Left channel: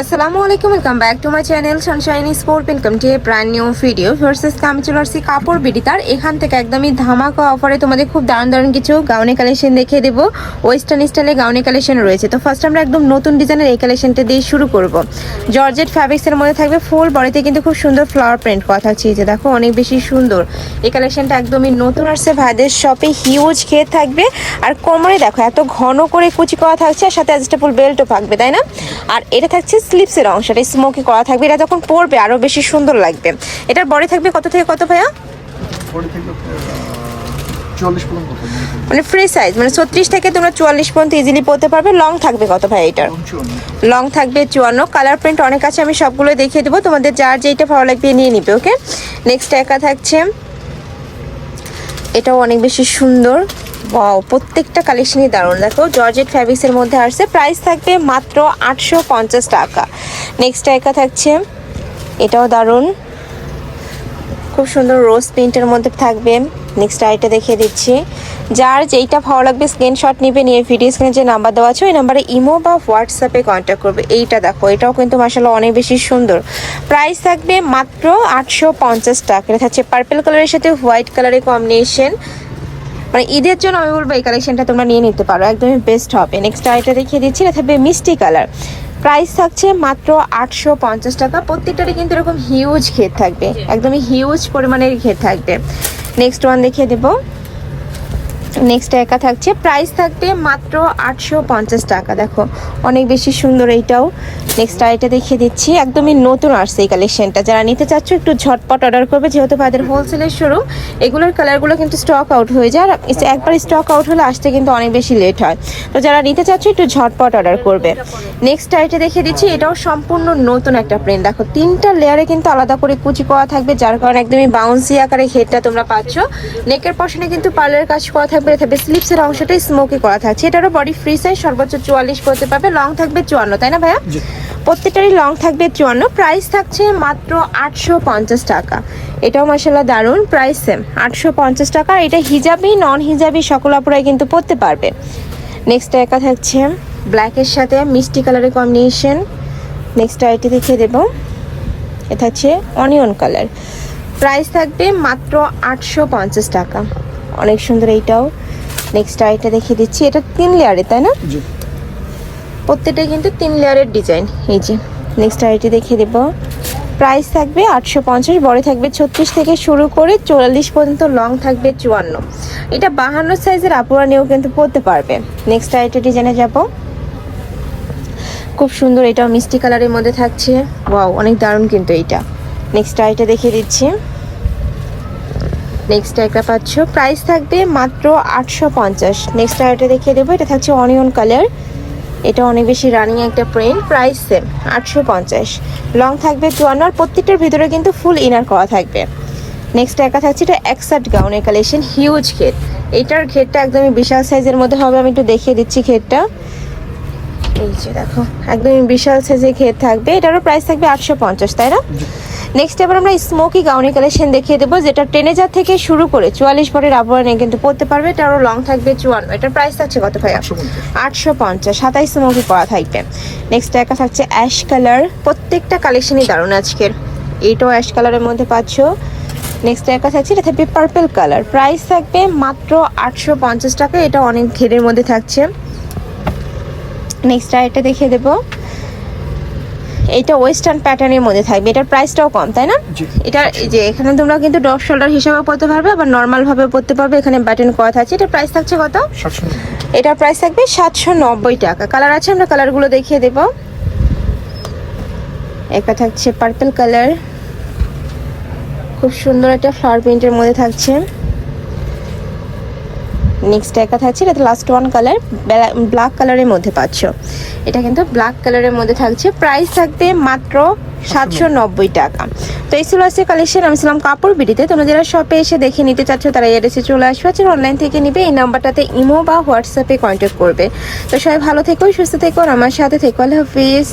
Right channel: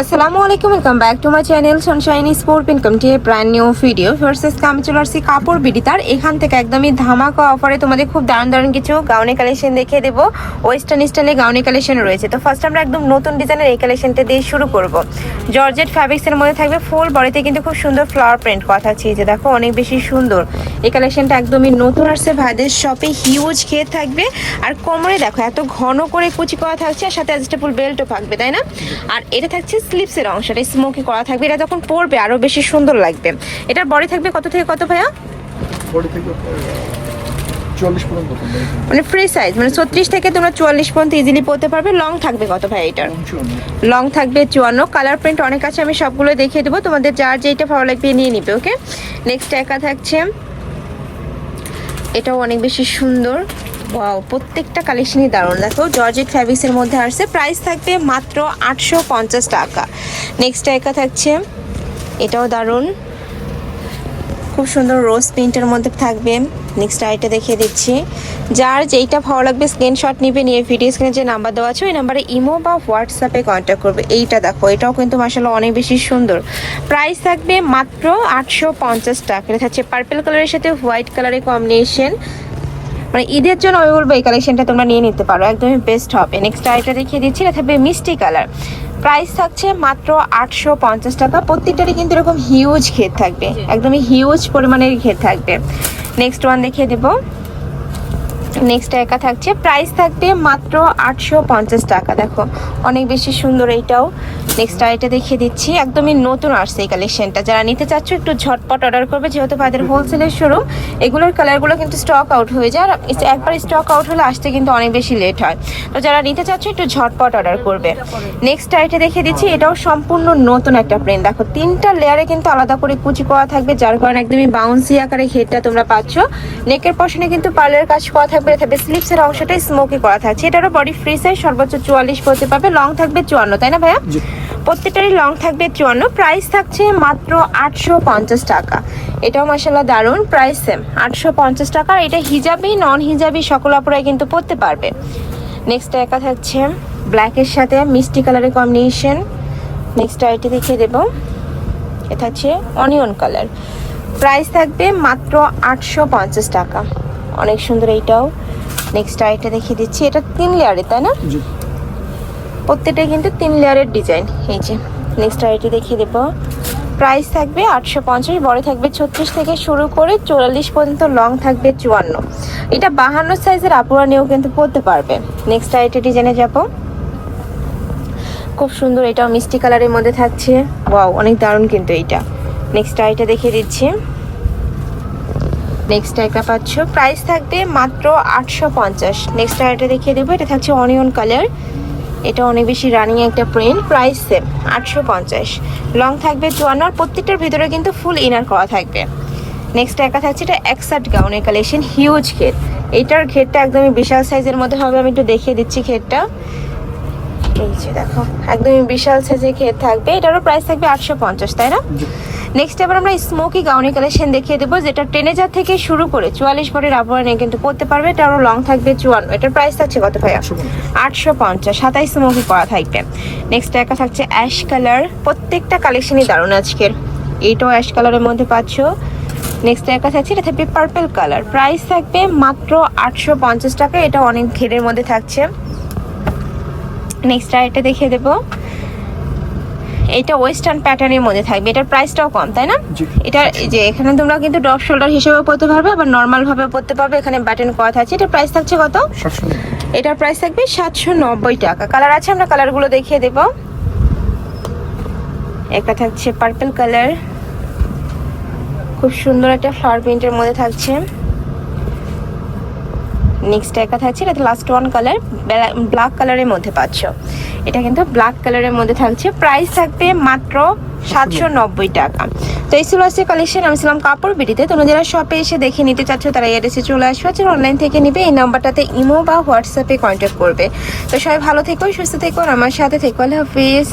আসসালামু আলাইকুম, welcome back to my channel sunshine sport income to a brand new video versus আমি চলে আসছি কাপড় বিডিতার। এখান থেকে একদমই ধামাকা অফারে তোমাদের খুব দারুণ দারুণ কিছু গাউনি কালেকশন দেখিয়ে দেবো। ওয়েস্টার্ন স্টাইলে গাউনি কালেকশন রয়েছে। তো ফার্স্ট আমরা একদম নতুন ডিজাইনের এই কালেকশনটা দিয়ে শুরু করব। জর্জেট ফ্যাব্রিক্সের মধ্যে থাকবে, ফুল বডিতে কিন্তু খুব সুন্দর ফ্লাওয়ার প্রিন্ট করা থাকছে। এই যে দেখো অনেক বেশি সুন্দর এই কালেকশনটা, একদমই নতুন আসছে ভাইদের শপে। হিউজ ঘের থাকবে আর কোমরে দেখো এত ঘন করে কুচি করা থাকছে, আর সাথে অ্যাডজাস্টেবল বেল্টও থাকবে, তাই না? আর এটা থাকছে স্লিপসের অংশটা স্মোকি করা থাকবে। এটা যখন পরবে আরো বেশি সুন্দর লাগবে। এটার বডি থাকবে কত থেকে কত ভাইয়া? বডি থেকে 44 পর্যন্ত, মানে ফ্রি সাইজ, মানে 36 থেকে তোমরা 44 পর্যন্ত ইজিলি পরতে পারবে। লং থাকবে কত ভাই এটার? লং থাকবে 54। কালার প্রিন্ট অনেক আছে, আমি সবগুলো দেখিয়ে দেবো, তোমাদের যার যেটা ভালো লাগবে নিয়ে নিবে। ওকে, নেক্সট একা থাকছে, এটাও অনেক বেশি সুন্দর। ওয়াও, প্রত্যেকটা কালেকশনই দারুণ। দেখো জর্জেট ফ্যাব্রিক্সের মধ্যে আসছে, প্রাইস থাকবে মাত্র 850 টাকা। নেক্সট একা থাকছে, এটাও দারুণ, খুব সুন্দর রোজ প্রিন্টের মধ্যে থাকবে। নেক্সট আইটা দেখিয়ে দিচ্ছি, যার যেইটা ভালো লাগবে স্ক্রিনশট নিবে, নিয়ে ভিডিও স্ক্রিনে যে নাম্বার দেওয়া আছে ওই নাম্বারে ইমো বা হোয়াটসঅ্যাপে কন্ট্যাক্ট করবে। এইটা দেখো, এটাও কিন্তু মাশাআল্লাহ অনেক বেশি সুন্দর। প্রাইস থাকবে মাত্র 850 টাকা। এটা থাকছে পার্পল কালারের সাথে হোয়াইট কালারের কম্বিনেশন। মানে ঈদের জন্য আমি বলবো এই কালেকশনটা তোমরা নিয়ে নিতে পারো, একদমই বেস্ট হবে। নেক্সট আইটা দেখিয়ে দিচ্ছি, এটা থাকবে মিষ্টি কালার। প্রাইস থাকছে মাত্র 850 টাকা। প্রত্যেকটারই কিন্তু এরকম হিউজ ঘের থাকবে, একদমই হিউজ পরিমাণের ঘের থাকবে। নেক্সট ওয়ান দেখিয়ে দেবো। নেক্সট একা থাকছে, প্রাইস থাকবে মাত্র 850 টাকা। দেখো অনেক বেশি সুন্দর এইটাও। নেক্সট আইটা দেখিয়ে দিচ্ছি, একদমই নতুন আসছে এই কালেকশনটা। যারা নিতে চাচ্ছ একটু ঝটপট অর্ডার করবে, যেহেতু ভাইদের হোলসেলের শোরুম। এগুলোর কালারগুলো কিন্তু স্টক আউট হয়ে যায়, আর একবার স্টক আউট হলে আসতে কিন্তু অনেক বেশি লেট হয়। তো যারা নিতে চাচ্ছ একটু ঝটপট অর্ডার করবে। নেক্সট আইটা দেখিয়ে দিচ্ছি, এটাও সম্পূর্ণ নতুন একটা প্রিন্ট। দেখো তিনটা লেয়ারে কিন্তু আলাদা করে কুচি করা থাকবে, যার কারণে একদমই বাউন্সি আকারে ঘেরটা তোমরা পাচ্ছ। নেকের পশনে কিন্তু পার্লের কাজ করা থাকবে, স্লিপসের অংশটাই স্মোকি করা থাকছে। এটারও বডি ফ্রি সাইজ, সর্বোচ্চ 44 পড়তে পারবে। লং থাকবে 54, তাই না ভাইয়া? প্রত্যেকটারই লং থাকবে 54। প্রাইস থাকছে মাত্র 850 টাকা। এটাও মাশাআল্লাহ দারুণ, প্রাইস সেম 850 টাকা। এটা হিজাবি নন হিজাবি সকল আপুরাই কিন্তু পরতে পারবে। নেক্সট একা থাকছে ব্ল্যাকের সাথে মিষ্টি কালারের কম্বিনেশন। নেক্সট আইটি দেখিয়ে দেবো, এটা হচ্ছে অনিয়ন কালার। প্রাইস থাকবে মাত্র 850 টাকা। অনেক সুন্দর এইটাও। নেক্সট আইটা দেখিয়ে দিচ্ছি, এটা 3 লেয়ারে, তাই না? প্রত্যেকটাই কিন্তু 3 লেয়ারের ডিজাইন। এই যে নেক্সট আইটি দেখিয়ে দেবো, প্রাইস থাকবে 850। বড় থাকবে 36 থেকে শুরু করে 44 পর্যন্ত, লং থাকবে 54। এটা 52 সাইজের আপুরা নিয়েও কিন্তু পরতে পারবে। নেক্সট আইটি ডিজাইনে যাব, খুব সুন্দর, এটাও মিষ্টি কালারের মধ্যে থাকছে। ওয়াও, অনেক দারুণ কিন্তু এইটা। নেক্সট আইটা দেখিয়ে দিচ্ছি, নেক্সট একটা পাচ্ছ, প্রাইস থাকবে মাত্র 850। নেক্সট আইটা দেখিয়ে দেবো, এটা থাকছে অনিয়ন কালার। এটা অনেক বেশি রানিং একটা প্রিন্ট, প্রাইস সেম 850। লং থাকবে 54, আর প্রত্যেকটার ভিতরে কিন্তু ফুল ইনার করা থাকবে। নেক্সট একা থাকছে, এটা একসাট গাউনের কালেকশন, হিউজ ঘের। এইটার ঘেরটা একদমই বিশাল সাইজের মধ্যে হবে, আমি একটু দেখিয়ে দিচ্ছি ঘেরটা। এই যে দেখো একদমই বিশাল সাইজের ঘের থাকবে। এটারও প্রাইস থাকবে 850, তাই না? নেক্সট এবার আমরা স্মোকি গাউনি কালেকশন দেখিয়ে দেবো, যেটা 10,000 থেকে শুরু করে 44 বডির আপুরা নিয়ে কিন্তু পরতে পারবে। এটারও লং থাকবে 54। এটার প্রাইস থাকছে কত ভাই? 850। 27 স্মোকি পরা থাকবে। নেক্সট একা থাকছে অ্যাশ কালার। প্রত্যেকটা কালেকশনই দারুণ আজকের। এইটাও অ্যাশ কালারের মধ্যে পাচ্ছ। নেক্সট একা থাকছে, এটা থাকবে পার্পল কালার। প্রাইস থাকবে মাত্র 850 টাকা। এটা অনেক ঘেরের মধ্যে থাকছে। নেক্সট আইটা দেখিয়ে দেবো, এটা ওয়েস্টার্ন প্যাটার্নের মধ্যে থাকবে। এটার প্রাইসটাও কম, তাই না? এটা যে এখানে তোমরা কিন্তু ড্রপ শোল্ডার হিসেবে পরতে পারবে, আবার নর্মাল ভাবে পরতে পারবে। এখানে বাটন করা থাকছে। এটার প্রাইস থাকছে কত? 790। এটার প্রাইস থাকবে 790 টাকা। কালার আছে, আমরা কালারগুলো দেখিয়ে দেব। একটা থাকছে পার্পল কালার, খুব সুন্দর একটা ফ্লাওয়ার প্রিন্টের মধ্যে থাকছে। নেক্সট একা থাকছে, এটা লাস্ট ওয়ান কালার, ব্ল্যাক কালারের মধ্যে পাচ্ছ। এটা কিন্তু ব্ল্যাক কালারের মধ্যে থাকছে। প্রাইস থাকবে মাত্র 790 টাকা। তো এই ছিল আজকে কালেকশন। আমি ছিলাম কাপড় বিডিতে। তোমরা যারা শপে এসে দেখে নিতে চাচ্ছ তারা এই অ্যাড্রেসে চলে আসবে, যারা অনলাইন থেকে নিবে এই নাম্বারটাতে ইমো বা হোয়াটসঅ্যাপে কন্ট্যাক্ট করবে। তো সবাই ভালো থেকো, সুস্থ থেকো, আমার সাথে থেকো। আল্লাহ হাফিজ।